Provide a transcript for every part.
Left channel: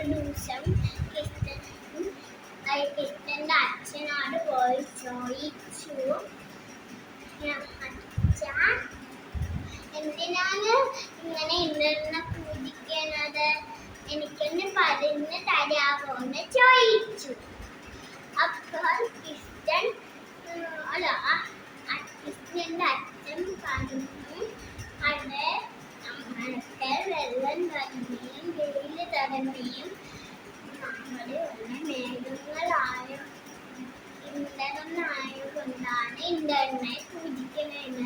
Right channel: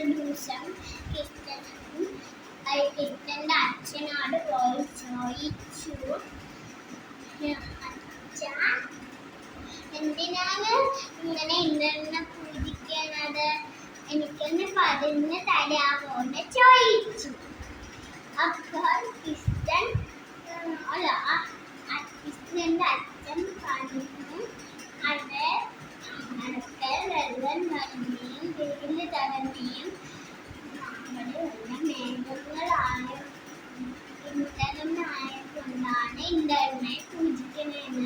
ഒരു ദിവസം കിട്ടന്റെ അച്ഛനോട് പോയി ചോദിച്ചു, അച്ഛ എന്തിനാണ് ഇങ്ങനെ ഇന്ദ്രനെ പൂജിക്കുന്നത്, എനിക്കൊന്ന് പറഞ്ഞു തരാമോ എന്ന് ചോദിച്ചു. അപ്പോൾ കൃഷ്ണന്റെ അച്ഛൻ പറഞ്ഞു, അത് നമ്മൾക്ക് വെള്ളം വരുകയും വെയിൽ തരുകയും അവിടെയുള്ള മേഘങ്ങളായതുകൊണ്ടാണ് ഇന്ദ്രനെ പൂജിക്കുന്നത്.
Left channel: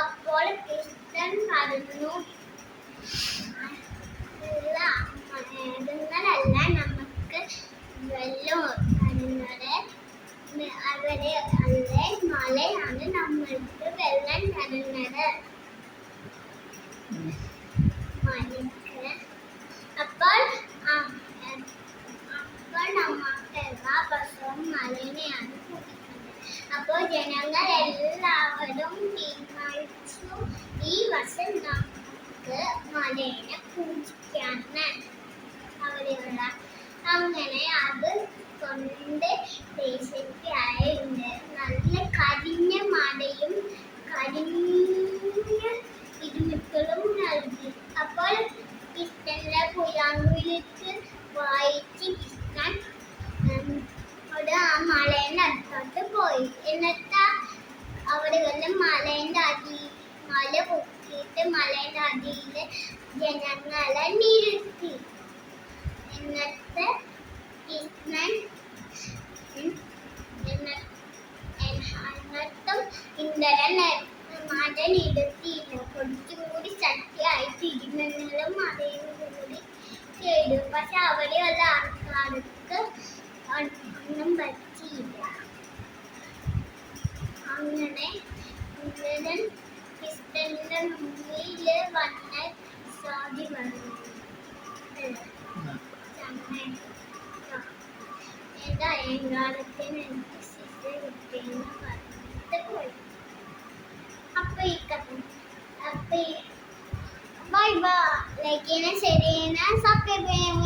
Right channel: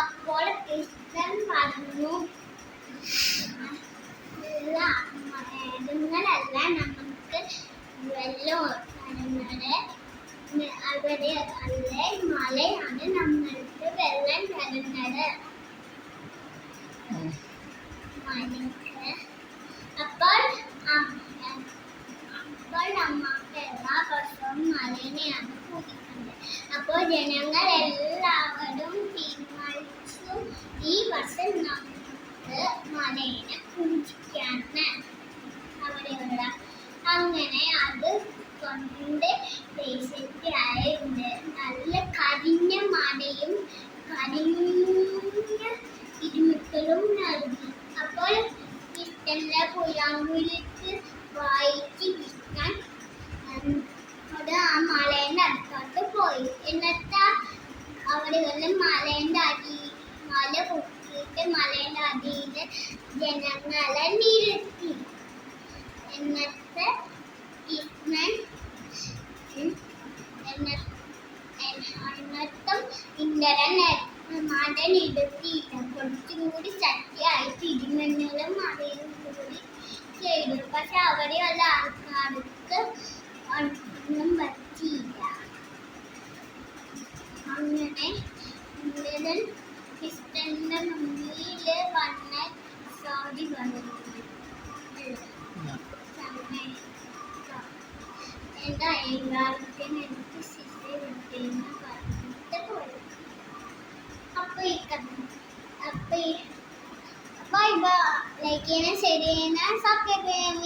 അപ്പോൾ കൃഷ്ണൻ പറഞ്ഞു, മേഘങ്ങളല്ല നമുക്ക് വെള്ളം തരുന്നത്, അവിടെ അല്ലേ മലയാണ് നമ്മൾക്ക് വെള്ളം തരുന്നത്. മലയ്ക്ക് അപ്പോൾ നമ്മൾക്ക് എല്ലാ വർഷവും മലേനെയാണ് പൂജിക്കുന്നത്. അപ്പോൾ ജനങ്ങൾ എല്ലാവരും തീരുമാനിച്ചു, ഈ വർഷം നമുക്ക് മലേനെ പൂജിക്കാണ് അവിടെയുള്ള. അങ്ങനെ അത് കൊണ്ട് ദേശത്തായുണ്ട് നല്ല കരിഞ്ഞ മലയും കരിഞ്ഞ ഇരുമിക്കളും നൽകി. അപ്പോൾ കൃഷ്ണന്റെ പുലാങ്കുലിക്ക് വായിച്ച് കൃഷ്ണൻ ആ മലേന്റെ അടുത്തോട്ട് പോയി. എന്നിട്ട് അവിടെയുള്ള മല പൊക്കിയിട്ട് മലേന്റെ അടിയിൽ ജനങ്ങളെ നിരുത്തി. എന്നിട്ട് കൃഷ്ണൻ എന്നിട്ടും ഇന്ദ്രൻ മടനിരുത്തിയില്ല. കുറച്ചുകൂടി ശക്തിയായിട്ട് ഇടിമിന്നലും മഴയും കൂടി ചെയ്തു. പക്ഷെ അവിടെയുള്ള ആൾക്കാർക്ക് ഒന്നും പറ്റിയില്ല. അങ്ങനെ ഇന്ദ്രൻ കൃഷ്ണന്റെ മുന്നിൽ വന്ന സോദി പറഞ്ഞു, എന്റെ അയങ്കാലത്തിന് എനിക്ക് ശിക്ഷ കിട്ടിയെന്ന് പറഞ്ഞിട്ട് പോയി. Bye bye. ലൈക്ക് ചെയ്യണേ, ഷെയർ ചെയ്യണേ, സബ്സ്ക്രൈബ് ചെയ്യാൻ